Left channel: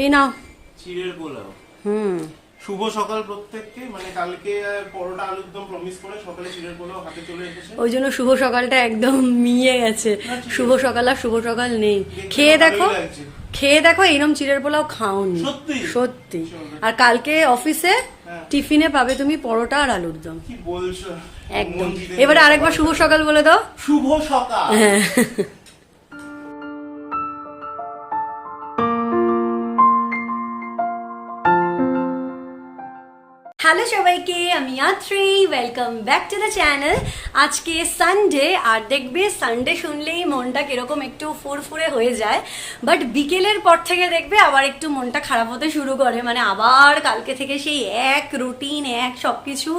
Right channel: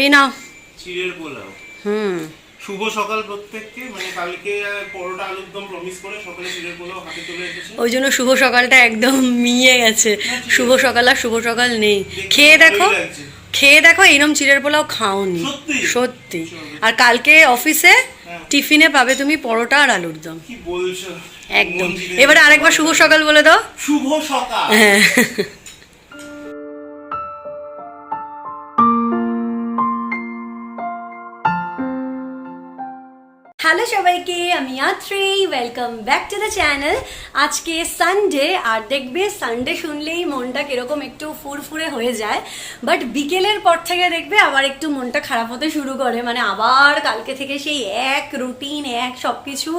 এই নাও। চিড়ের পোলাও। হুম। শুভ সকাল প্রত্যেককে, মানে কালকে পরোটা আলুর দম প্রমিস করে সকালে চিড়ের পোলাও হাতে চলে এসেছে। ওই জন্য শুভ সকালটা একদম মিয়ে গেছে। শুভ সকাল আর শুভ সকাল নেই। দেখতে খেয়ে তো দেখো, ভালোই লাগছে। খেয়ে দেখো এরম চিড়ের পোলাও খাওনি। সত্যি? সত্যি। চলো। আর কালকে অফিসে হ্যাঁ। টিফিনে পাবে তুমি পরোটা আর আলুর দম। কি বলছো? একদম। মন জিতে এবারে যাবে। আরেকবার শুভ সকাল বলে দাও। শুভ সকাল। হ্যাঁ। হ্যালো সবাইকে, আমি Atri, welcome back to the channel. আজকে সানডে, আর দেখবে সানডে শুনলেই মনটা কিরকম একটু ফুরফুরে হয়ে যায়, বাট বিকেলের পর থেকে দেখবে আবার একটু মনটা খারাপ হতে শুরু করে। মানে আবার কালকে থেকে সেই এক রুটিন, এক সবকিছু,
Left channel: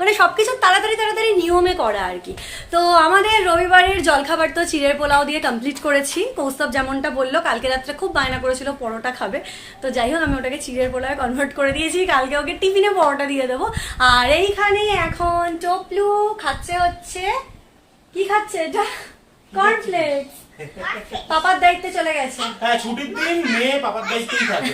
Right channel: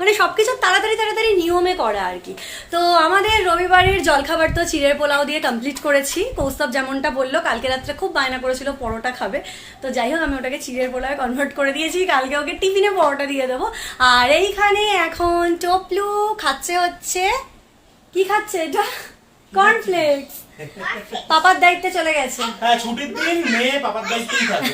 মানে সবকিছু তাড়াতাড়ি তাড়াতাড়ি নিয়মে করা আর কি। তো আমাদের রবিবারের জলখাবার তো চিড়ের পোলাও দিয়ে কমপ্লিট করেছি। কৌস্তব যেমনটা বললো, কালকে রাত্রে খুব বায়না করেছিল পরোটা খাবে, তো যাই হোক আমি ওটাকে চিড়ের পোলাও কনভার্ট করে দিয়েছি। কালকে ওকে টিফিনে পরোটা দিয়ে দেবো। আর এইখানে এখন টপলু খাচ্ছে, হচ্ছে কি খাচ্ছে এটা? কর্নফ্লেক্স। পাপার দায়িত্বে চলে গেছে। হ্যাঁ, ছুটির দিন মেয়ে পাপার দায়িত্বই থাকে।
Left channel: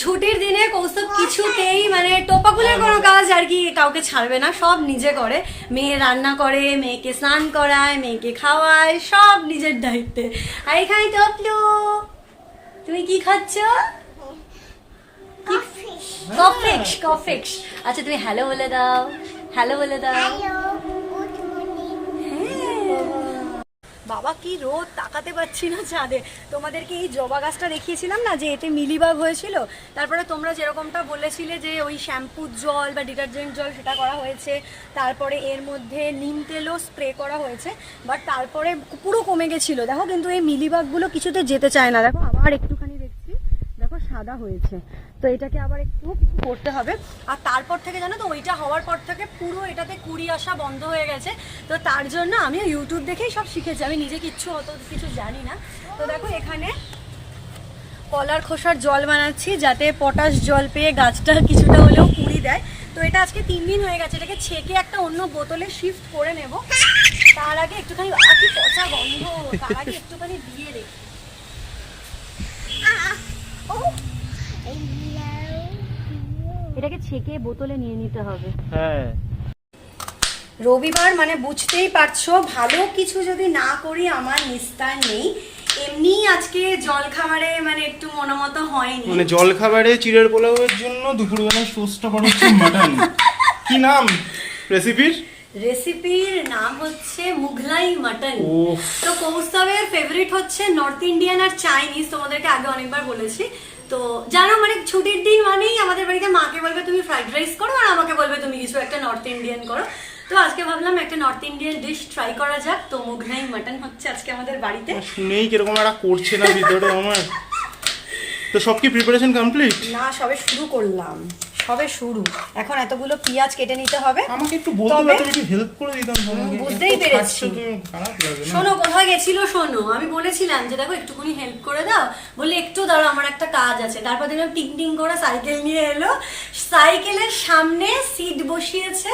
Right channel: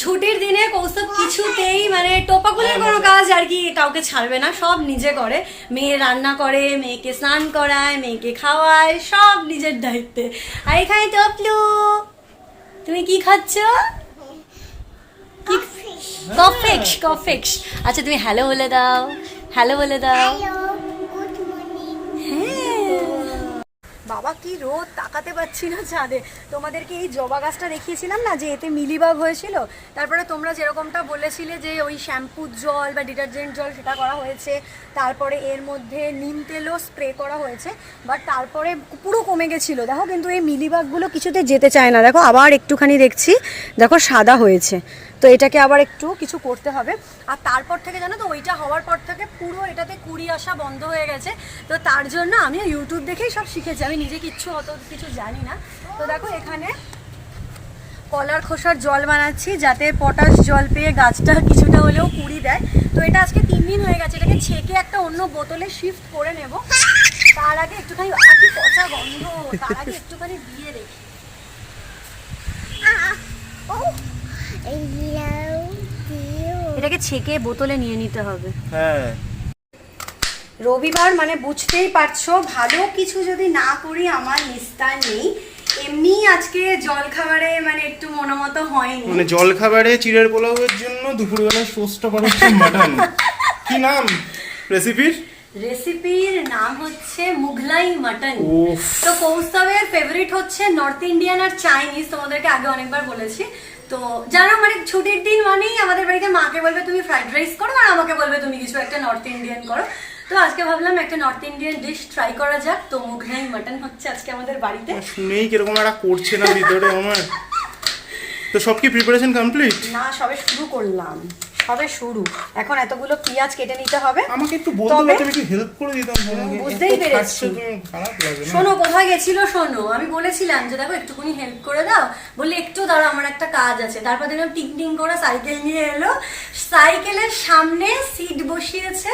ছুটির দিনে কৌস্তব কিছুতেই মানে টোপাকুলের কোনো কাজ আর কি কাউকে ছাড়বে না, সব নিজে করে। মেয়ে রান্না করে, মেয়েকে স্নান করায়, মেয়েকে খাওয়ায়, সব নিজের দায়িত্বে। আর এখানে টপলু, তুমি কি খাচ্ছ? কফিক্স, কফিক্স। আচ্ছা তুমি হ্যালো বলে দাও, হ্যালো বলে দাও। Good morning. বাবা কি রোদ, তাকাতে পারছি না ছাদে। তোমাদেরকে এই জবা গাছটা দেখিয়েছিলাম না, যে এতে মিলিবাগ হয়েছিল। তারপরে তোমরা যেরকমটা বলেছিলে যে ওই শ্যাম্পুর জল বা ডিটারজেন্ট জল সেটা করা হয়েছে, তারপরে এর মধ্যে নিম তেলও স্প্রে করা হয়েছে, বাট তারপরে পুরো কমে গেছিলো। দেখো কিন্তু এই মিলিবাগগুলো কিছুতে যেতে চায় না। দেখো আবার একটুখানি দেখছি, দেখো সাদা হয়েছে। তো এটাকে আবার একটু কিছু করতে হবে। আর তারপর থেকে জানো তো, ওইটা হওয়ার পর থেকে পুরো এটাতে কুড়ি আসা বন্ধ হয়ে গেছে। তো তার জন্য আমি ইউটিউব দেখেই সব শিখেছি, আমি নিজে কিচ্ছু অত কিছু জানি না। তো দেখো এখানে কলার খোসার জল বানাচ্ছি, যাতে পটাশ জল পেয়ে গাছটা কিছুটা হলেও কুড়ি দেয়। তো এটা আজকে 3 দিন হয়ে গেছে, এটাকে ছেঁকে একটা অন্য বোতলে শিফট করে নেব। তার আগে একটুখানি কি পচা গন্ধ, তার আগে একটুখানি দিয়ে রেখে এটাকে ছেঁকে বোতলে নিয়ে নিতে হবে। হ্যাঁ, রবিবার মানে বুঝতেই পারছো, ভালো কিছু যদি না করি আমার নিস্তার নেই। এমনি আজকে জল খাবারে মানে একটু মনোমত হয়নি। মানে জল খাবারে চিড়ের পোলাওয়ের জন্য দুপুরবেলায় সোসটা করা হচ্ছে মাটন। কি নাম রেসিপির? রেসিপির নাম হচ্ছে মুঘলাই মাটন। উফ। তো কৌস্তবের ফেভারিট হচ্ছে নর্থ ইন্ডিয়ান আর চাইনিজ, তোমাদেরকে আগে অনেকবার বলেছি। তো জানো মানে ছুটির দিন মানেই আমাদের বাড়িতে মাকে বলবে তুমি ফ্রাইড রাইস করো, আর আমাকে বলবে তুমি কিছু একটা নর্থ ইন্ডিয়ান করো। তো আজকে ভাবলাম একটা নর্থ ইন্ডিয়ান ডিশ ট্রাই করা যাক। তো মুঘলাই মাটন হচ্ছে আজকে আমাদের বাড়িতে। শুনেই কিরকম একটা করছে না ভিতরে আমার। তো সব কি প্রিপারেশন কমপ্লিট? না, সবে শুরু করলাম, সবে শুরু। এখন এতগুলো পেঁয়াজ কেটে নিতে হবে। আমাকে একটু বলতে পারতে, একটু হেল্প করে দিতাম তোমাকে। বুঝতেই এত পেরেছি। খাটছো তুমি, খারাপ লাগে না? শোনো কোথায় গেছিল শোনো, আমি বলেছিলাম যে দেখো একটুখানি হেল্প করে দাও, বললে একটু দাঁড়াও আমার একটা কাজ আছে। তারপর দেখলাম টিং টিং করে সাইকেল নিয়ে এলো, সাইকেলের সামনে সিট বসিয়েছে,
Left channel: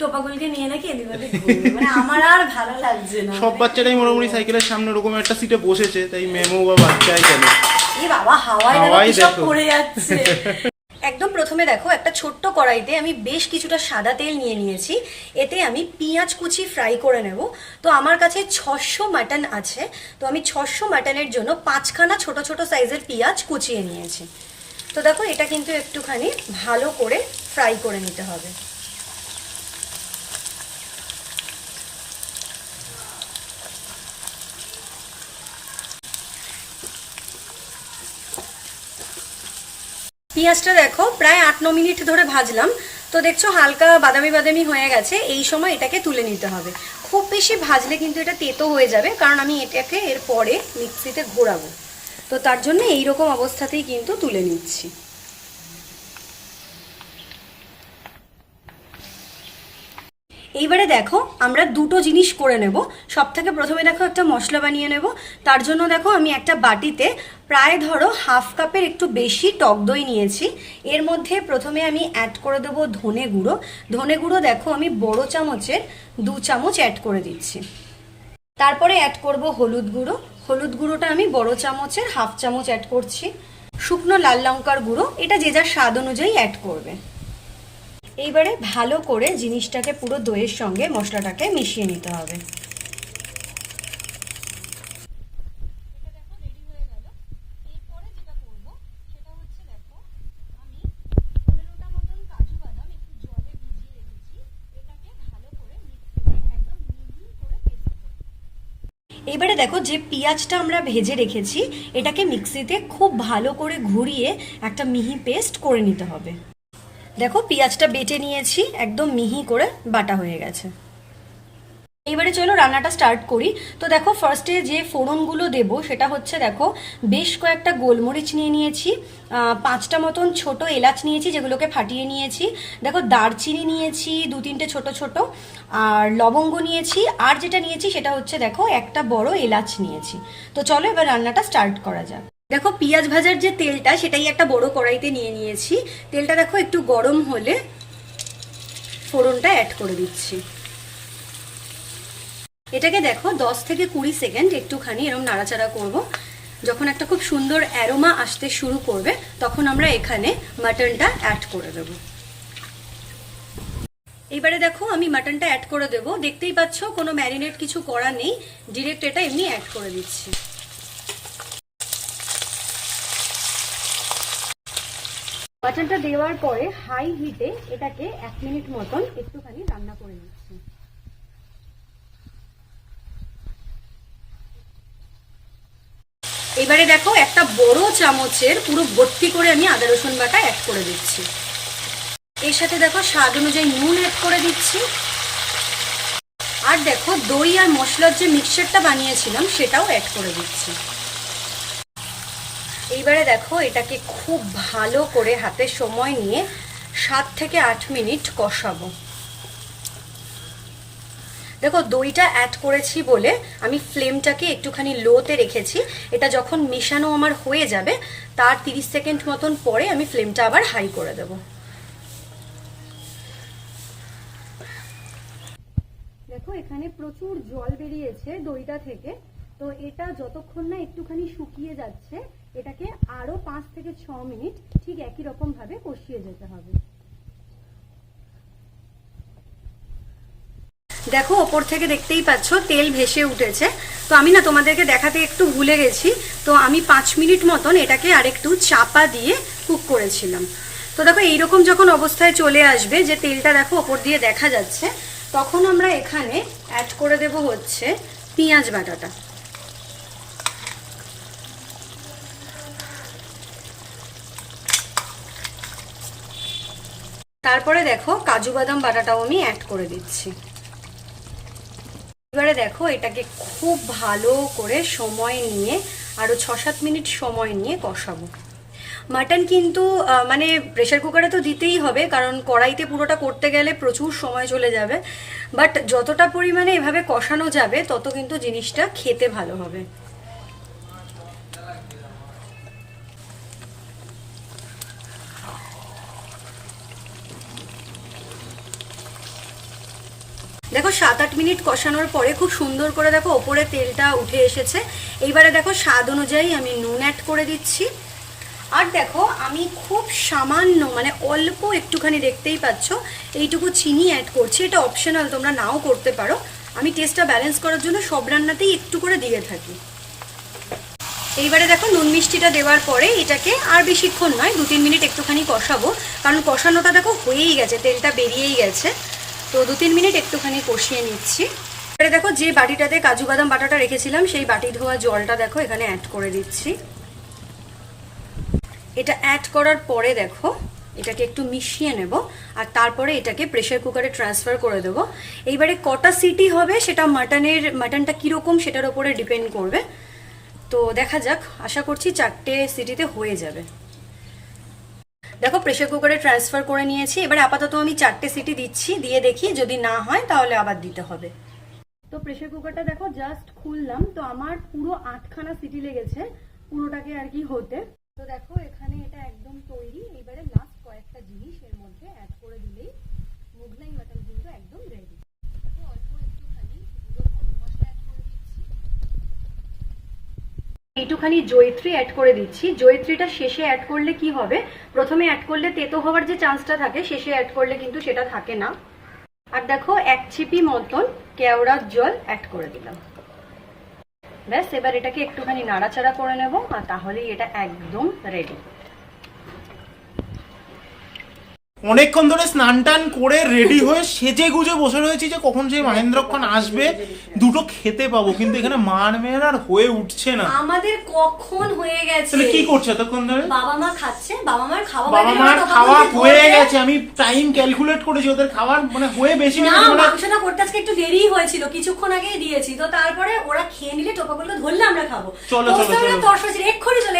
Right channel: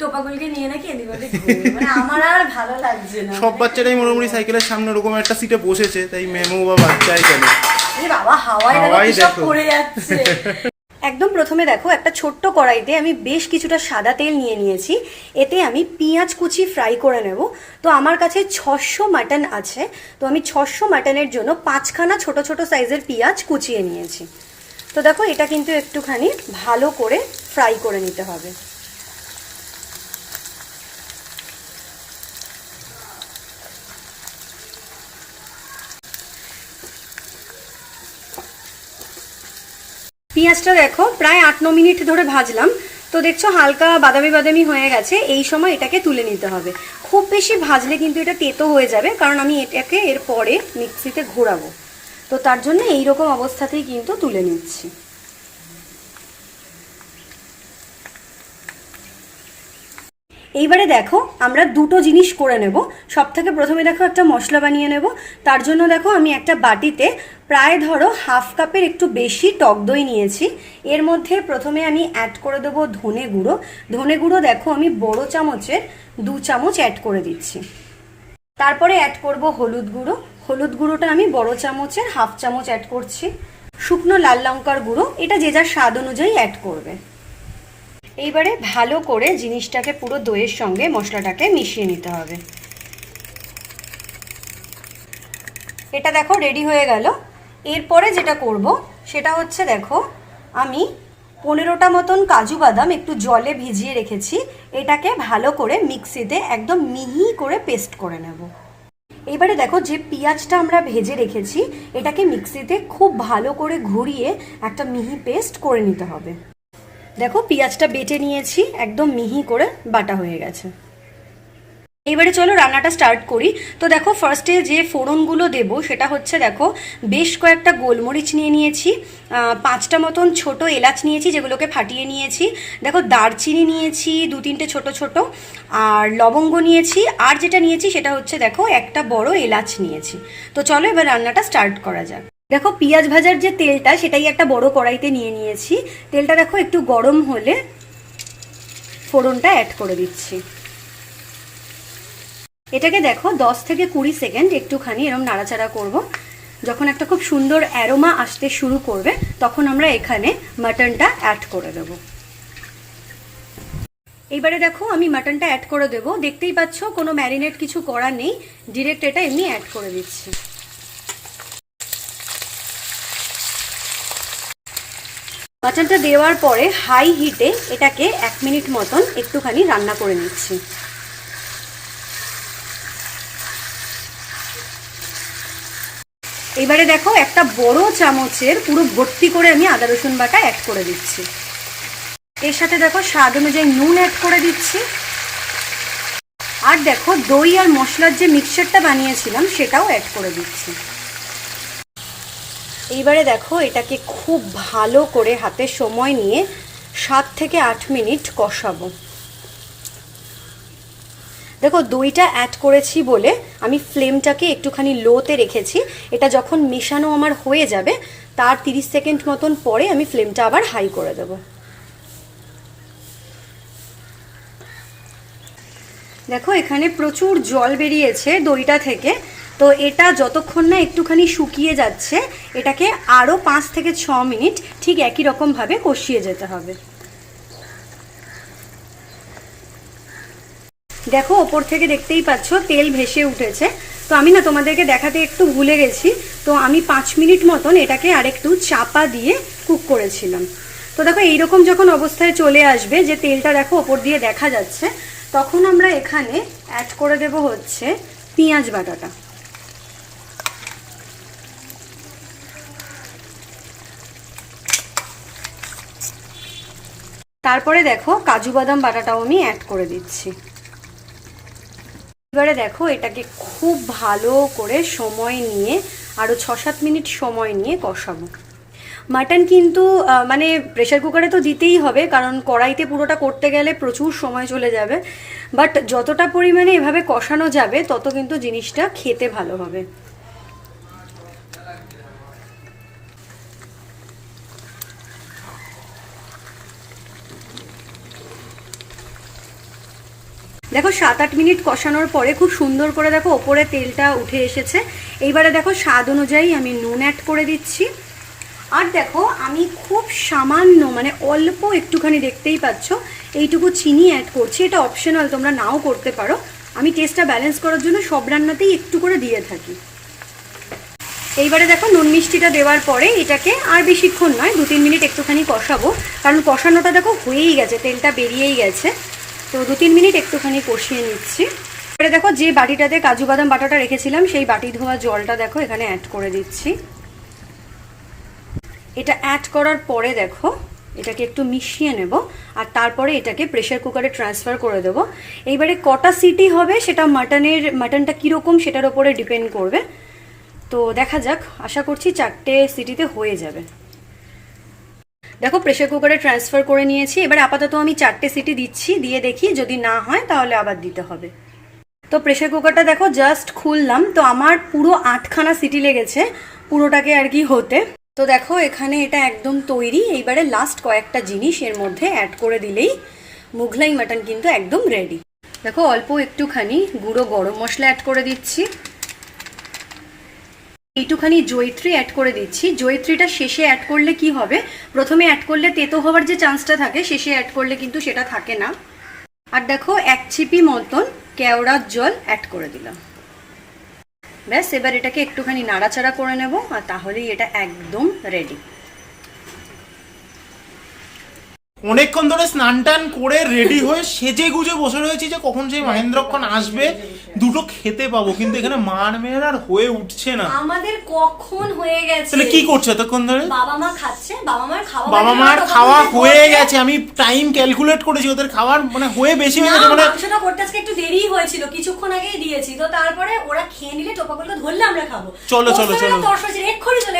টোপাগুলকে নিয়ে নাকি এদিক ওদিক ঘুরবে। মানে আমার আর ভালো লাগছে না। সব বাচ্চারাই মোটামুটি সাইকেলের সামনে ওরকম একটা সিটে বসেছে, তাই মেমো বা বাচ্চাই কেন। এই বাবা হাওয়ায় হাওয়ায় দেখো সব দেখো। পড়ে যাচ্ছে। একদম প্রথমে দেখো একটা ছোট্ট কড়াইতে আমি বেশ কিছুটা সাদা তেল নিয়ে নিয়েছি। এতে আমি পেঁয়াজ কুচি ফ্রাই করে নেব। তো আমার কাছে 600 মাটন আছে, তো আমি 600 মাটনের জন্য 5খানা ছোট ছোট সাইজের পেঁয়াজ কুচিয়ে নিয়েছি। তো দেখো এটা কিন্তু একটুখানি ভালো করে ফ্রাই করে নিতে হবে। পেঁয়াজটা দেখো প্রায় 8-9 মিনিট ধরে ভাজলাম। তো দেখছো হালকা বাদামি বাদামি হয়ে গেছে। এই সময় এটাকে তুলে নিতে হবে। খুব বেশি ভাজলে কিন্তু এটা তেতো হয়ে যাবে, কারণ আমি এটাকে এরপরে মিক্সিতে ঘোরাবো। তো তার জন্য এইরকম অবস্থাতেই কিন্তু তুলে নিচ্ছি। এইবারে দেখো আমরা দুটো জিনিস করে নেব। সব থেকে প্রথমে দেখো একটা মশলা বানিয়ে নেব। তার জন্য দেখো আমি একটা বাটিতে প্রায় ধরো 1/2 কাপের একটু বেশি টক দই নিয়েছি। এর মধ্যে প্রথমে আমি অ্যাড করে দেবো ধনে গুঁড়ো। ধনে গুঁড়ো দেখো আমি বড় চামচের 2 চামচ অ্যাড করে দিচ্ছি। তারপরে অ্যাড করব হলুদ গুঁড়ো। হলুদ গুঁড়োটা আমি বড় চামচের 1/2 চামচ অ্যাড করছি। শুকনো লাল লঙ্কার গুঁড়ো, এটা যে যার স্বাদ অনুযায়ী অ্যাড করবে। এইবারে ভালো করে জিনিসটাকে পুরো দইয়ের সঙ্গে মশলাটাকে মিশিয়ে নিতে হবে। এটা দেখো রেডি হয়ে গেল। এরপরে যেটা করব সেটা হচ্ছে, দেখো আমি 15টা মতন কাজু বাদাম একটু জলে ভিজিয়ে রেখেছি, এটাকে ভালো করে মিক্সিতে একদম মিহি করে পেস্ট করে নেব। এবারে দেখো যে পেঁয়াজটা আমরা ভেজে রেখেছি এটাকে মিক্সিতে খুব ভালো করে ঘুরিয়ে একটা মিহি পেস্ট করে নিতে হবে। দেখো পেঁয়াজটা বেটে নিয়েছি, একদম মিহি করে বাটা হয়ে গেছে। এবারে চলো রান্নাটা স্টার্ট করি। তো দেখো ফার্স্টে যে ফোড়নগুলো দেব সেটা হচ্ছে, দেখো বেশ কয়েকটা গোলমরিচ নিয়ে নিয়েছি, 5টা মতন ছোট এলাচ নিয়েছি যেগুলোকে ফাটিয়ে নিয়েছি, দেখো দারচিনি নিয়েছি 2-3টে ছোট ছোট, আর লবঙ্গ নিয়েছি, আর যেটা নিয়েছি সেটা হচ্ছে দেখো একটা বড় এলাচ নিয়েছি। তো চলো এবার রান্নাটা স্টার্ট করা যাক। দেখো পেঁয়াজ ভাজার যে তেলটা সেটাই একটা বড় কড়াইতে নিয়ে নিয়েছি। তেলটা দেখো একটু গরম হলে ফোড়নটা অ্যাড করে দিচ্ছি। এটাকে দেখো 10 থেকে 20 সেকেন্ড একটুখানি এরকম নাড়াচাড়া করব। যখন একটা খুব সুন্দর অ্যারোমা আসতে শুরু করবে তখন আমরা এখানে মাটনটা অ্যাড করে দেব। এইবারে দেখো আমি মাটনটা অ্যাড করে দেব। দেখতেই পাচ্ছ কোনো ম্যারিনেট কিছু করা নেই, ডিরেক্ট এটা এমনি অ্যাড করে দিচ্ছি। মাটনটা দেওয়ার পরে হাই হিটে এটাকে 1 মিনিট মতন একটুখানি রান্না করে নিচ্ছি। এবারে দেখো একটা বড় চামচের পুরো ভর্তি করে আমি আদা রসুন বাটা অ্যাড করে দিচ্ছি। এর সাথে দেখো স্বাদ অনুযায়ী নুন অ্যাড করে দিচ্ছি। আর দেখো দই আর মশলার যে মিক্সচারটা বানিয়েছিলাম সেটাও অ্যাড করে দিচ্ছি। এইবারে দেখো এটাকে খুব ভালো করে হাতে সময় নিয়ে 7 থেকে 8 মিনিট কষাবো। দেখো দইটা অ্যাড করেছি বলে আমি ফ্লেমটাকে একটুখানি লোতে রেখেছি। এটা যখন মেশানো আমার হয়ে যাবে তার 30 সেকেন্ড মতন পরে আমি ফ্লেমটা আবার হাই করে দেব। দেখো এখানে প্রচুর জল বেরিয়েছে দইটা থেকে। তো এটা যতক্ষণ না একটুখানি শুকিয়ে যাচ্ছে এটাকে আরও 5 থেকে 6 মিনিট ঠিক একই রকমভাবে কষিয়ে যেতে হবে। দেখো ওপর থেকে দেখতেই পাচ্ছ তেল ভেসে উঠেছে। তো আমি না তোমাদেরকে দেখাতে একটু ভুলে গেছি, তো আমি 5 মিনিট মতন এটাকে আরেকটু চাপা দিয়ে কুক করেছিলাম। তো দেখো এইরকম যখন অবস্থায় চলে আসবে যে তেলটা দেখো ওপর দিয়ে দেখা যাচ্ছে, তখন আমরা এখানে অ্যাড করে দেব হচ্ছে পেঁয়াজ বাটাটা। তারপরে দেখো কাজু বাদাম বাটাটাও আমি অ্যাড করে দিচ্ছি। এবারে দেখো এটাকে খুব ভালো করে সময় নিয়ে আরো 6-7 মিনিট সময় নিয়ে কষাবো। মাটন কিন্তু মানে প্রেসার কুকারে তো দিতেই হবে, কারণ কড়াইতে পুরোটা করতে গেলে প্রচুর সময় চলে যাবে। বাট যতটা পরিমাণে এভাবে কষানো যাবে তত কিন্তু জিনিসটা খেতে ভালো হবে। দেখো 7-8 মিনিট কষানোর পরে খুব সুন্দর করে দেখো ওপরে তেলটা উঠে এসেছে। এইবারে দেখো স্বাদ অনুযায়ী আমি নুন অ্যাড করে দিচ্ছি। আর দেখো আমি খুব সামান্য মানে অল্প একটুখানি দেখতেই পাচ্ছ এইটুকু চিনি অ্যাড করছি। এটা অপশনাল, তোমরা নাও করতে পারো। আমি টেস্টটা ব্যালেন্স করার জন্য সব রান্নাতেই একটু করে দিয়ে থাকি। এইবারে দেখো নুন মিষ্টিটা দেওয়ার পরে এটাকে আর বেশিক্ষণ নয় 2-3 মিনিট একটুখানি কষাবো, কারণ কষানোটা দেখো হয়েই গেছে, তেলটা বেরিয়েই গেছে। তো 2-3 মিনিট একটুখানি কষিয়ে নিচ্ছি। এবারে দেখো যে বাটিটাতে কাজু বাদাম বাটাটা রেখেছিলাম সেই বাটি ধোয়া জলটা দেখো এখানে অ্যাড করে দিচ্ছি। এটা অ্যাড করার পরে দেখো এটাকে একটু মিশিয়ে নেব, আর তারপরে এটাকে প্রেসার কুকারে ট্রান্সফার করে দেবো। এইবারে কটা সিটি হবে সেটা মাটনটা কীরকম সেটার উপরে ডিপেন্ড করবে। তো দেখা যাক, আশা করছি 4টে সিটিতে হয়ে যাবে। দেখো প্রেসার কুকারে ট্রান্সফার করে নিয়েছি। এবার আপাতত আমি 4টে সিটি দিচ্ছি, দিয়ে দেখি যদি না হয় তাহলে আবার দিতে হবে। তো প্রেসার কুকারটা দেখো জাস্ট খুললাম, তো আমার পুরো 8খানা সিটি লেগেছে পুরোটাকে আর কি হতে। তো দেখো এখানে এটা একদম তৈরি। এইবারে লাস্ট কয়েকটা জিনিস এর মধ্যে অ্যাড করে দিলেই মুঘলাই মাটন কিন্তু একদম রেডি। দেখো অল্প একটুখানি গুঁড়ো গরম মশলা অ্যাড করে দিচ্ছি, এইটুখানি জয়িত্রী অ্যাড করে দিচ্ছি। জয়িত্রীটা শেষে অ্যাড করলে কি হবে, প্রথমে অ্যাড করলে তেতো হওয়ার যে চান্সটা থাকে, শেষে অ্যাড করলে কিন্তু সেটা থাকে না। আর দেখো 1 চিপি মতন কেওড়ার জল অ্যাড করে দিলাম। ব্যাস, এবার এটাকে একটুখানি নাড়াচাড়া করে নেব, আর তাহলেই এটা একদম রেডি। অনেকক্ষণ ধরে স্নান টান করে রেডি হয়ে সেজে গুজে বসে রয়েছি যে কখন সেই মহেন্দ্রক্ষণ আসবে, দুটো খেতে পাবো, কিন্তু এখানে মান মেয়ের আর হয়ে উঠছে না। আমাদের কখন হয়ে গেছে? তাহলে কি করছে এতক্ষণ ধরে? বাবা মা খাচ্ছে, বাবা মার খাওয়া বাবা মার খাওয়া হয়ে গেছে, আমি টাইম ক্যালকুলেট করেছি, ওদের খাওয়ার মানে হয়ে বেশি হয়ে গেছে। মাংসটা করতে আজকে একটু দেরি হয়েছিল, কিছুক্ষণ আগেই দিয়েছি তো, তারপরে ওরা খেয়ে নিলে টোপাগুলো ধরলে আমরা খাবো। চলো চলো চলো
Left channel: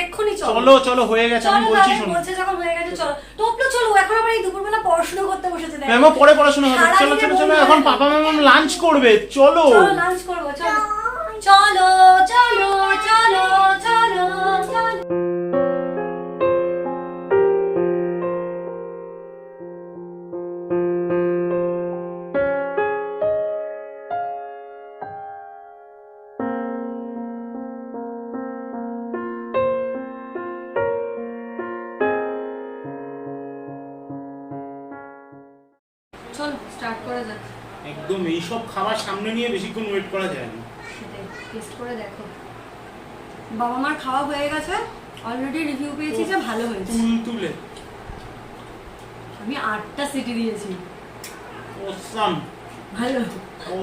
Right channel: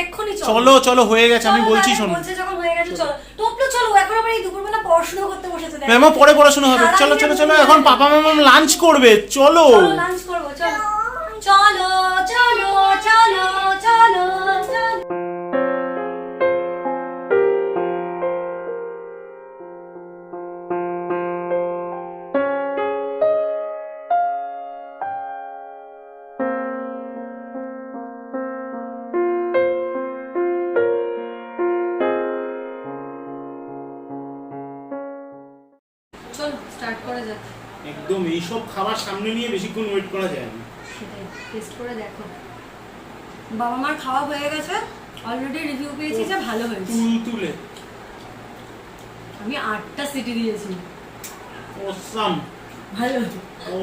এক্ষুনি চলো চলো হয়ে গেছে, আমি বলছি শোনো। বলছে যখন হয়ে গেছে চলো টপলো, চলো এখন আবার এই দুপুরবেলা পড়াশোনা করতে বসেছে। ম্যামও পরে পড়াশোনা হবে, চলো চলো চলো, এখন পাপা মামা লাঞ্চ করবে, চলো লাঞ্চ করবো, চলো চলো চলো চলো চলো চলো। চলো স্টার্ট করা যাক। একদম এইসব খাবার সামনে নিয়ে বেশিক্ষণ ওয়েট করা যায় না। টেস্ট করে দেখো। বাবা মার খাওয়া হয়ে গেছে, অলরেডি রিভিউ পেয়েছি যে ভালো হয়েছে। তুলে আমি 8টা সিটি দিয়েছি। অসাম ভালো,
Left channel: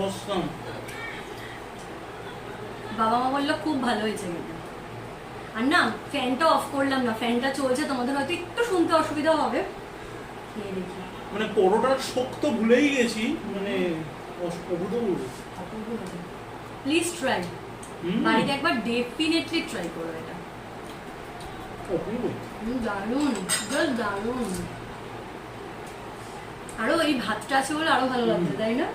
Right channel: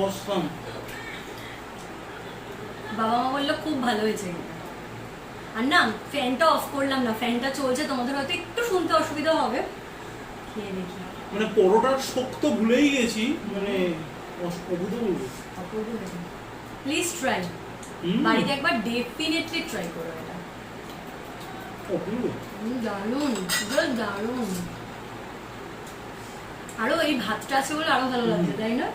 অসাম। বাবা মা বললো খুব ভালো হয়েছে কিন্তু। আর না, ফ্যানটা অফ করলাম না, ফ্যানটা চলছে, তোমাদের হয়তো একটু শুনতে অসুবিধা হবে। খেয়ে দেখি। মানে পরোটার শক্ত ভুলেই গেছি, মানে অভূতপূর্ব। প্লিজ ট্রাই, বাড়িতে একবার ডেফিনেটলি ট্রাই করো এটা। অপূর্ব, দারুণ, দারুণ। আরো এই ভাতটা আছে বলে আরো ভালো লাগছে, তাই না?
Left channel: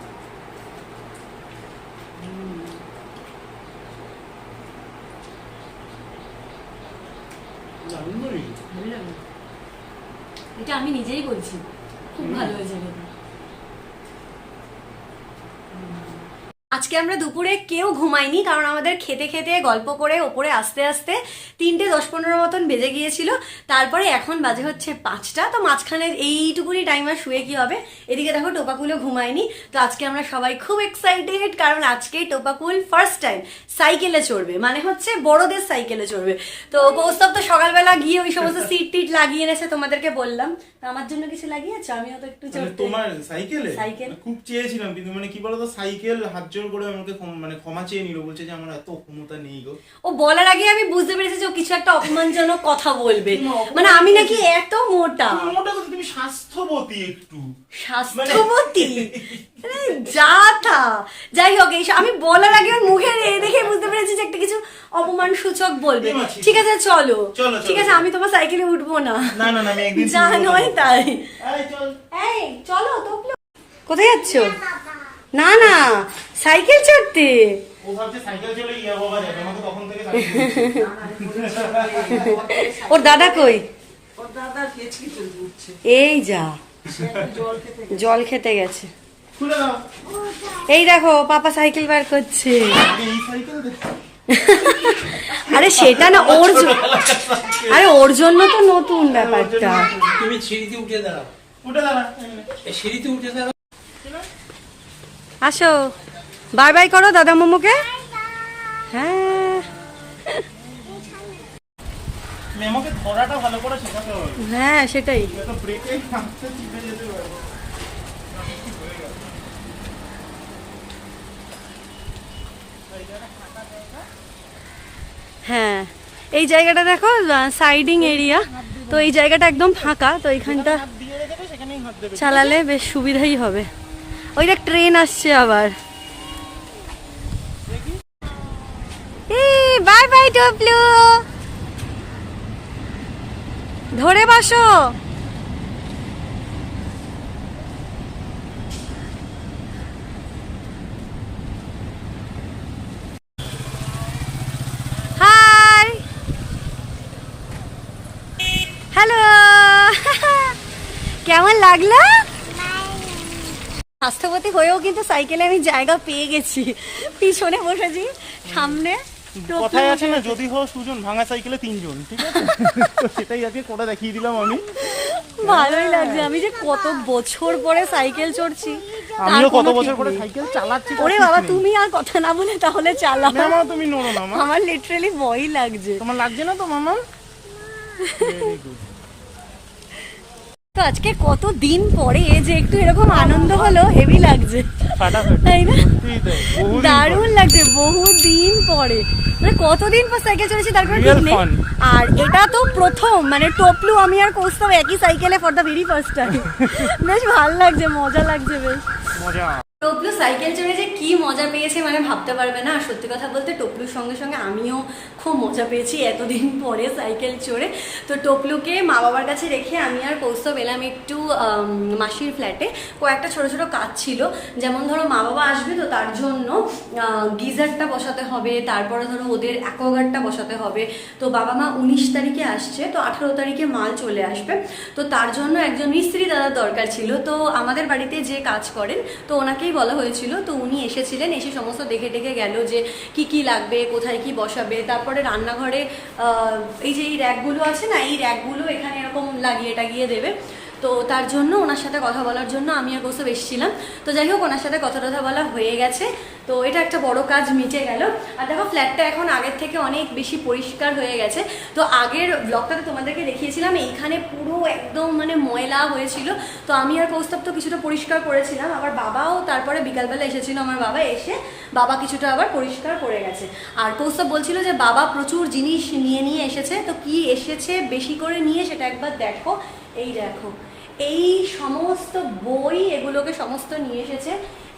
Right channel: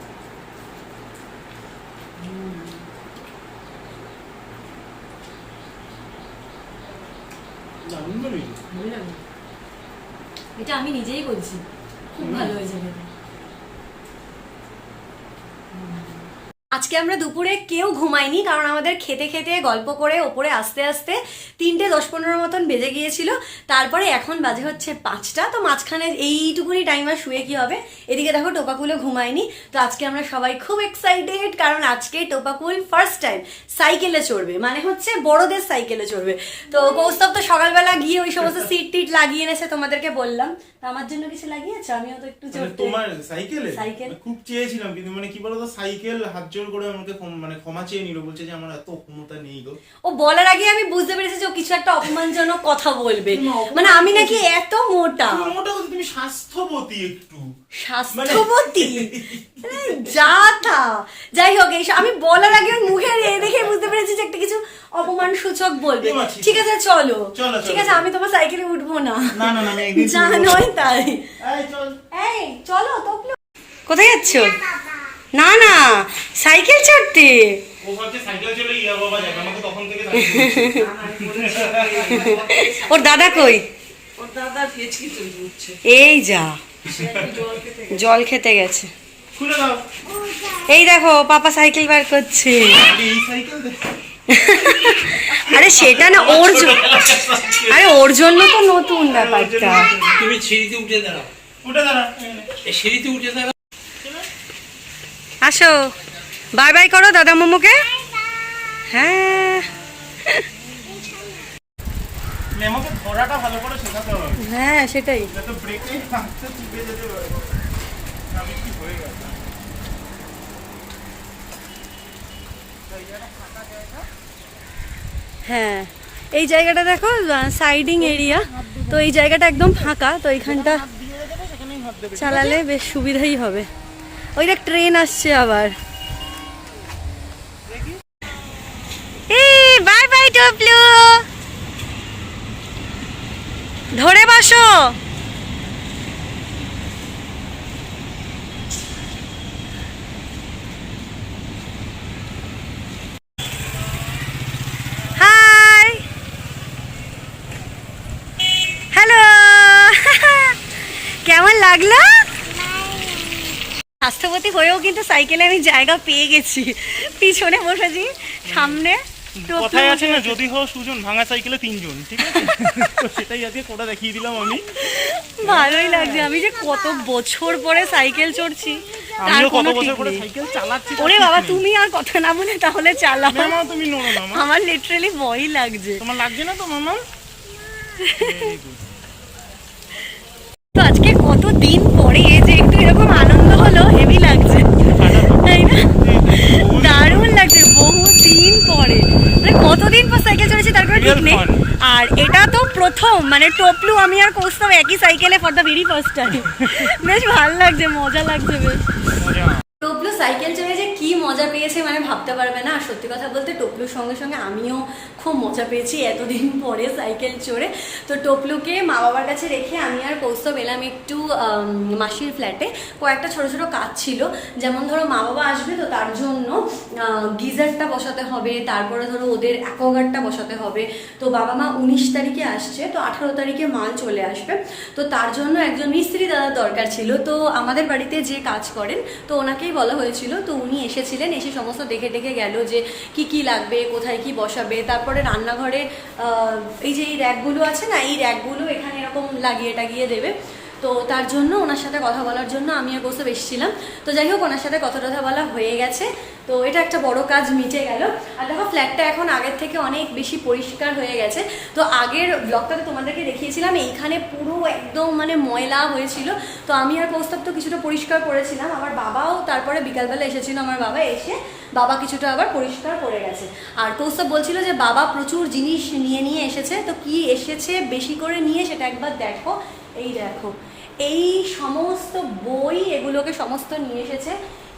দারুণ লাগে। ভালো লাগে, এটা আমি নিজেই বলছি, খুব ভালো হয়েছে এটা। আজকে আমরা দুপুরে কেউ ঘুমাইনি, কারণ আমাদের খেতে খেতে গল্প করে ওপরে আস্তে আস্তে 3:10-15 মতন বেজে গিয়েছিল। তারপরে এখন বাজে হচ্ছে 5টা, তো মাঝখানে এইটুকুনি টাইম আর শুয়ে কি হবে। এদিকে দেখো টোপাকুলও ঘুমায়নি। তো আজকে আমরা সবাই খুব এক্সাইটেড, কারণ আজকে টোপাকুল ফার্স্ট টাইম সাইকেলে চড়বে, মানে হচ্ছে বড়দের সাইকেলে চড়বে। তো কৌস্তব তো সকালবেলা গিয়ে ওই সমস্ত সিট টিট লাগিয়ে এনেছে, তোমাদেরকে বললাম। তো আমার জন্য কিছু লাগিয়েছো? আমিও তো একটু চড়তে। তোমার সাইকেলে সাইকেল খুব চেয়েছিলাম, কিন্তু মানে কি বলতো, সাইকেল হাত জোর করে আমাকে মানে ক্ষমা চেয়ে নিল, বলছে যে আমার এত ক্ষমতা নেই গো। ও বলার আগে আমি বুঝতে পেরেছি যে ও কিছু একটা অপমানজনক কথা বলবে, মানে আমি নাকি এত মোটা। মোটা কথা, তুমি স্বাস্থ্যবতী একটু। স্বাস্থ্যবতী যা থা, যাই হোক, আমি বলার আগে ওর মুখে দেখে বুঝতে পেরেছি যে একটা কিছু অপমান সূচক বলবে। ঠিক আছে চলো, ঠিক আছে, আমি তোমার সাইকেলে উঠবো না, যা নয় তাই। এই চলো তো। কোথায় যাচ্ছ? না না, সাইকেল চড়তে। ওর দাদা কই? এই যা, জল খেতে গেছে। এই দেখো পাপা সাইকেল বার করছে। আরে সেটা না, আরে ওর জন্য তো নতুন ব্যাপারটা। তুমি সিঁড়িতে উঠে দাঁড়াও, সিঁড়িতে উঠে দাঁড়াও। আসো, বাই বাই করো দাদা মোমোকে। হ্যাঁ, মেমোকে ধরাটা ভালো করে শেখাতে হবে। হ্যাঁ সেটাই। তো ব্রেকে হাতটা চিপে যেতে পারে। হ্যাঁ, এই জায়গাটা দেখো সাইডিং এরিয়া, তো এই জায়গাটা একদম ফাঁকা, তো এইখানটা চালালে বেশ সুবিধাই হবে। ওইটা ট্রেন আসছে আবার। বাই বাই টপলু, ধরে বসো। হাই, হ্যালো, কেমন লাগলো? স্বাস্থ্যবতী হয়েও কিন্তু সাইকেলে আমি জায়গা পেয়ে গেছি, পিছনে বসেছি, সামনে কথায় আছে না, যদি হো সুজন ভাঙা সাইকেলে 3 জন, ঠিক আছে? তো সেটাই আজকে করে দেখিয়ে দিলাম আমি। ভালোই লাগছে, আমি যে কত বছর পরে সাইকেল চড়ছি তার আমিও কত কোনো বছর ঠিক পরে নেই। সাইকেল চালাচ্ছি। ওরে বাবা, তুমি আর কথা না বলে তাহলে চালাও। মামা তুমি নোড়ো মামা। আমার লিটারালি ভয় লাগছে। তোমার লাগছে না তো মামা? তো আজকে কত দিন পরে যে একটু এরকম আনন্দ হলো, হেভি লাগছে তাই না? দারুণ লাগছে, বহু দিন পরে, মানে কতদিন পর সাইকেল চলেছি তার কোনো ঠিক নেই। আর এটা তো প্রথম, মানে টপলু আমি আর কৌস্তব একই সাইকেলে for the very first time. বেশ ভালো লাগছে, মজা লাগছে বেশ। টপলু সাইকেল চড়ে যে কি মজা পেয়েছে মানে ভাবতে পারবে না। আর সত্যি কথা বলতে টপলুর সঙ্গে সঙ্গে আমিও খুব মজা পেয়েছি এতদিন পরে সাইকেল চড়ে। তো টপলুকে মা বাবার কাছে রেখে আমি আর কৌস্তব এলাম একটু মাসির ফ্ল্যাটে। কয়েকটা ছোট ছোট কাজ ছিল, যেমন ধরো মা বাবা আসবে তো তার জন্য গিজারটা বসাতে হবে, তারপরে ধরো ওদের অ্যাকোয়াগার্ডটা বসাতে হবে। তো বাবা মা 19 তারিখে আসছে, তো 18 তারিখে মাল চলে আসবে। তো তার জন্য একজন মিস্ত্রি দাদার দরকার ছিল। তো আমাদের বাড়িতে যে কাজ করেন তো ওনাকেই বলা হয়েছিল, তো উনি এসেছিলেন, এসে সমস্ত দেখে দেখে গেল যে কি কি লাগবে, কোথায় কি বসাবে। তারপরে রান্নাঘরে এই যে এই র্যাকগুলো আছে না, এই র্যাকগুলো এখানে এরকম লাগিয়ে টাগিয়ে দেবে। তো তার জন্য ওনার সাথে কথা বলার জন্য আমি আর কৌস্তব এসেছিলাম। তো যাই হোক, ওনার সাথে কথা টথা বলা হয়ে গেছে, তো এটা একটা বড় কাজ মিটে গেল। আর দেখো ফ্ল্যাটটা এখন আগের থেকে অনেক বেশি পরিষ্কার হয়ে গেছে। তো আগের ব্লগটাতে তোমাদেরকে দেখিয়েছিলাম এইখানে পুরো একদম মানে ময়লা হয়েছিল, তো আমি আর কৌস্তব তো কিছুটা পরিষ্কার করেছিলাম। আমার বাবাও তারপরে বিকালবেলা এসেছিল, আমার বাবা এসে বাবা কিছুটা আবার পরিষ্কার করে গেছে। আর কৌস্তব বলছিল যে বাবা প্রচুর জিনিস নিয়ে এসেছে। তো কি এসেছে বেশি করে নিয়ে সেটা একবার দেখো। এই দেখো, এই সমস্ত বই এগুলোকে সমস্ত নিয়ে এসেছে।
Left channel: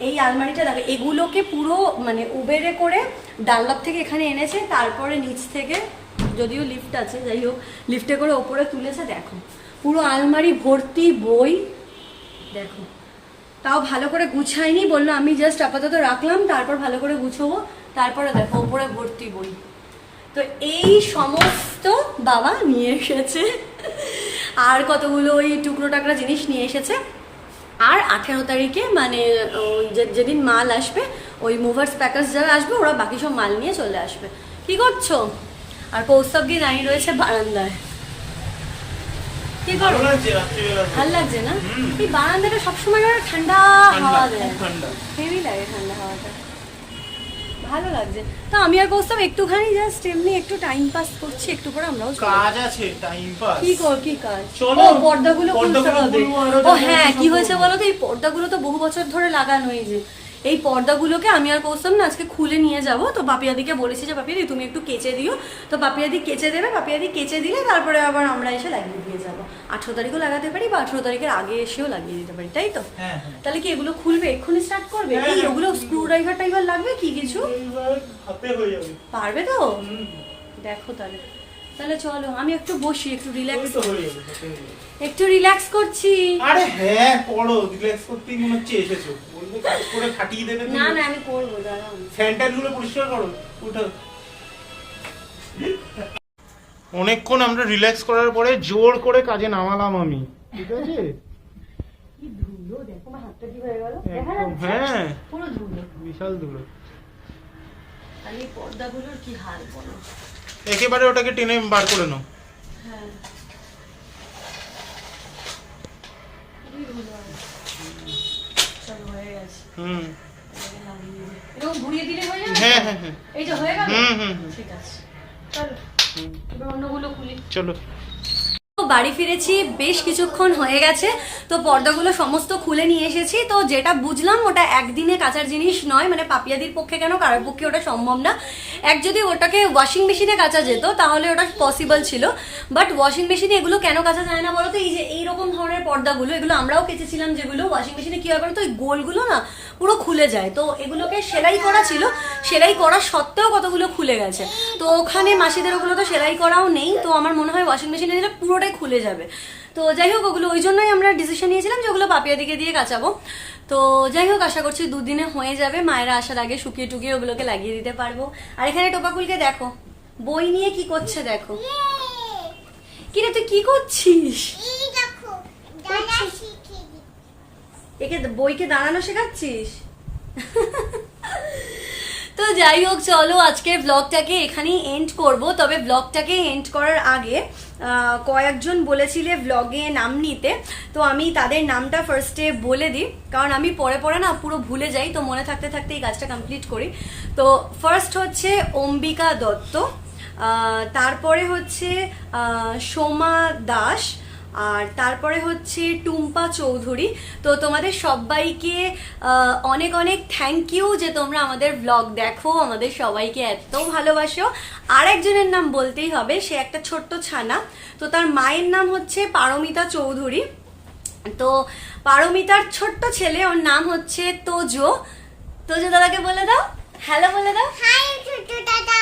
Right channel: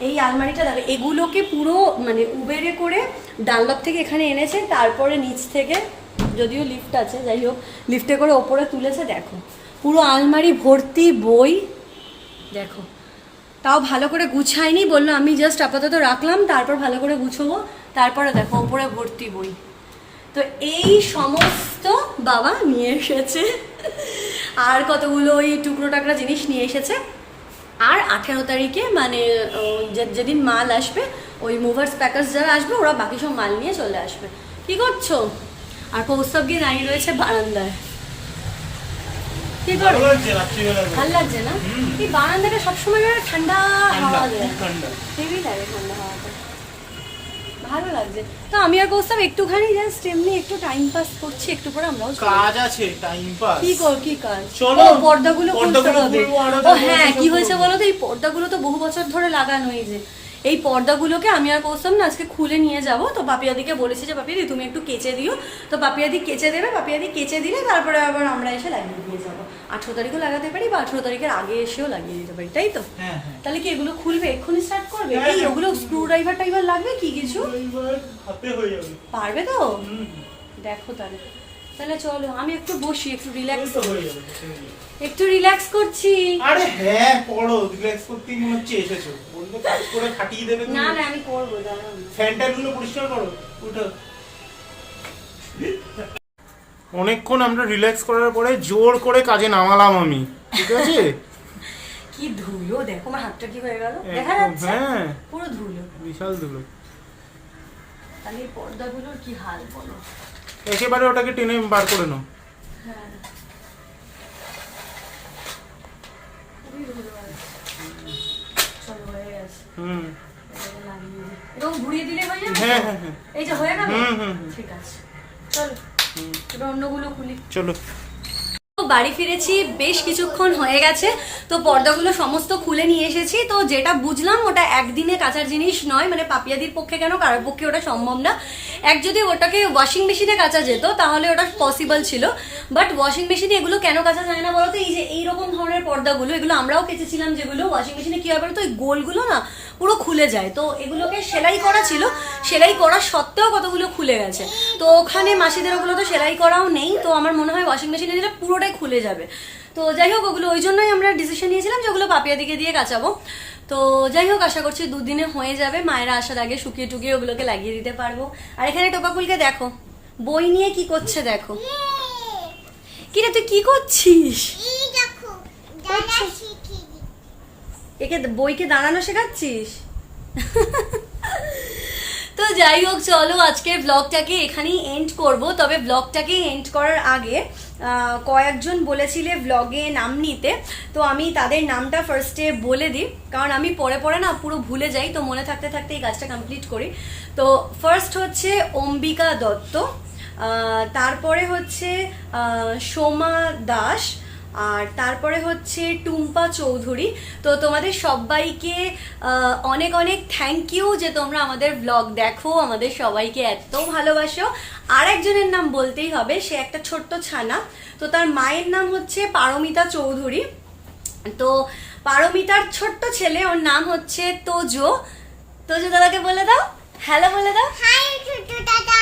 এই আলমারিটা দেখো, এগুলোকে পুরো মানে উবেরে করে ডানলপ থেকে এখানে এনেছে, তারপরে নিচ থেকে, যদিও লিফট আছে, যাই হোক লিফটে করে ওপরে তুলেছে। দেখো পুরো আলমারি ভর্তি বই, দেখো তাও ভালো করে গুছাইনি, বললো আমি জাস্ট আপাতত রাখলাম, তারপর ভালো করে গুছোবো। তারপরে দেখো ওপরে ভর্তি বই। তো এই সমস্ত বাবা নিয়ে এসেছে। আর কতগুলো ওই টুকরো টাকরা জিনিস নিয়ে এসেছে। আর 18 তারিখে মানে যেদিন মাল আসবে, ওই মুভার্স প্যাকার্স যারা আসবে ওরা বাকি সব মাল নিয়ে চলে আসবে। কি করছো? আর কৌস্তব গিয়ে দাঁড়িয়ে রয়েছে বারান্দায়। কি করো? ভাল লাগছে না? এই বারান্দাটা সবসময় ঠান্ডা হাওয়া দেয়, হেভি লাগে ঠান্ডা হাওয়াটা, ভালো লাগছে। তো আমি আর কৌস্তব একটুখানি জাস্ট এমনি একটু টাইম পাস করছি, একটু পরে আমরাও কাজ আছে, টাইম পাস। কি কাজ? ও পর্দাগুলো খুলতে হবে। ও হ্যাঁ, কি হয়েছে বলো তো, এই পর্দাগুলো তো বহু বছর ধরে লাগানোই, যে এই পর্দাগুলোকে আমি আর কৌস্তব না আজকে খুলে নিয়ে যাব। তো পাপিয়াদিকে বলেছি যে পাপিয়াদি তুমি একটু কেচে দিও। তো পাপিয়াদি কেচে দেবে, পাপিয়াদি কেচে দিলে তারপরে আবার আমরা এসে লাগিয়ে দিয়ে যাবো। 18 তারিখও লাগাতে পারি বা 18 তারিখের আগে এসেও লাগিয়ে দিতে পারি, তাই তো? তাহলে কি এগুলো খুলবে, এক্ষুনি স্টার্ট করবে? এই ওগুলো স্ক্রু ড্রাইভার টাইভার লাগবে কি কিছু? পারবে তো? দেখো তাহলে তাহলে চলো আমি একটু বসি, একটু রিল্যাক্স করছি। আরে হ্যাঁ পড়ো, রিল্যাক্স করতেই মনে হচ্ছে এসেছো, বলবো কাজ করে খাটিয়ে দেবে। না না আমি করবো, দাঁড়াও। স্যানিটাইজার গুলো পরিষ্কার করো, উঠো। অনেকক্ষণ আমরা রিল্যাক্স করার পরে জোর করে কাজে নামালাম আমি, ঠিক আছে? কি ধুলো দেখো, আমার হাতটা কি হয়ে গেল দেখা যাচ্ছে? হ্যাঁ পুরো ধুলো, বিশাল ধুলো। তাহলে এই পর্দাগুলোর কি হাল বলো। একেবারে ওটাকে টেনে বার করে নাও। হ্যাঁ চলো হয়ে গেছে। এরকম ঘুরিয়ে দিলে হয়ে যাবে? হ্যাঁ হ্যাঁ হ্যাঁ, এই যে হয়ে গেল। হুম। ঠিক আছে চলো এবার অন্যগুলো খুলি। চলো। বাড়ি ফিরেছি, বেশ কিছুক্ষণ হয়ে গেছে। তো পর্দাগুলো সমস্ত খুলে নিয়ে এসেছি। তো যেটা বুঝলাম ওটা একদিনে কাচার জিনিস নয়, মানে পাপিয়াদির পক্ষে কেন কারোর পক্ষে ওটা সম্ভব না। যদি ওটাকে ওয়াশিং মেশিনে কাচা যেত তাহলে ওটা পসিবল ছিল, বাট ওয়াশিং মেশিনে এগুলো কেন কাচা যায় না বলতো? এই যে এইরকম ধরনের পর্দাগুলো, এগুলো আমরাও কেচেছিলাম, যেগুলো ওয়াশিং মেশিনে কি হয় বলতো, ওই গোলগুলো না পুরো খুলে যায়। তো এগুলোকে সেলাই করা ছিল, সেলাই করা সত্ত্বেও কতগুলো খুলে গেছে। তো ওখানে মাসিদের ওগুলো তো সেলাই করাও নেই, তো আমার মনে হয় ওয়াশিং মেশিনে দিলে পুরোটাই খুলে যাবে। তো যাই হোক ওগুলো ওই জন্যই আমরা ডিসিশন নিয়েছিলাম যে ওগুলো পাপিয়াদিকে দিয়ে কাচাবো। তো যাই হোক আশা করছি দুদিনে হয়ে যাবে, মায়েরা আসার আগে শুকিয়ে টুকিয়ে ওগুলোকে লাগিয়ে দিতে পারবো। আর এখানে টোপাকুলকে দেখো বই নিয়ে কি করছে, দেখো। কিরে তুই কি করছিস? একে বইকে দাঁড়ানো শেখাচ্ছিস? তো যাই হোক, চলো আজকের ব্লগটাকে এখানেই এন্ড করব। তবে ব্লগটাকে এন্ড করার আগে কয়েকজন বলেছিলে ব্লগে নাম নিতে, তো আমি তাদের নামটা ফার্স্টে বলে দিই, কারণ আমি পরে পরে না পুরো ভুলে যাই, তো মনে থাকতে থাকতে এই কাজটা কমপ্লিট করি। তো ফার্স্ট হচ্ছে অম্বিকা দত্ত, তারপরে হচ্ছে সোমা দাস, আর তারপরে হচ্ছে টুম্পা চৌধুরী। তো তোমাদের সবাইকে অনেক অনেক থ্যাংক ইউ যে তোমরা আমাদের ব্লগ দেখো, আমাদের সবাইকে এত ভালোবাসো। আর একজনের নাম বলতেই হবে, সে একটা ছোট্ট ছানা, তো তার মায়ের নাম হচ্ছে পারমিতা চৌধুরী। তো পারমিতার ছোট্ট ছেলে, ওর নাম হচ্ছে তোজো। তোজো দাদাকে বলে দাও, হ্যালো বলে দাও। হাই ছোট্ট দাদা।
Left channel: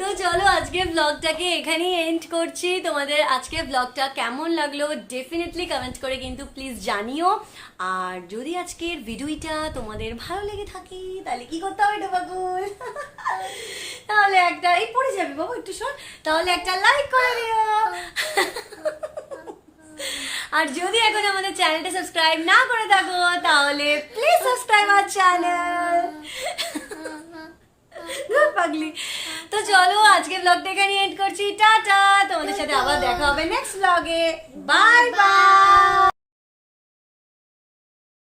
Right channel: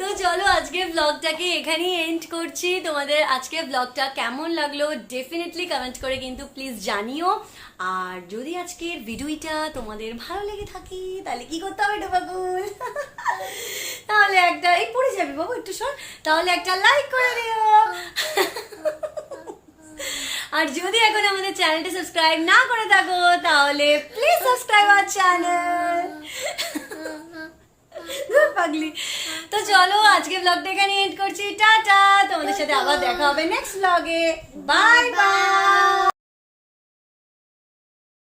তো চলো আজকের ব্লগটাকে এখানেই এন্ড করছি। তোমাদের আজকের ব্লগটা কেমন লাগলো ডেফিনেটলি কমেন্ট করে কিন্তু প্লিজ জানিও। আর যদি আজকের ভিডিওটা তোমাদের ভালো লেগে থাকে তাহলে কি করতে হবে ডোবাগুল? তাহলে একটা, এই পড়ে যাবি বাবু একটু সর, তাহলে একটা লাইক করে দিও। আর যদি এখন আমাদের চ্যানেলটা সাবস্ক্রাইব না করে থাকো তাহলে প্লিজ সাবস্ক্রাইব আওয়ার চ্যানেল। পাগলি। তো চলো আজকে ব্লগটা এখানে এন্ড করছি, টাটা। তোমাদের সাথে আবার দেখা হবে নেক্সট ব্লগে। Bye bye.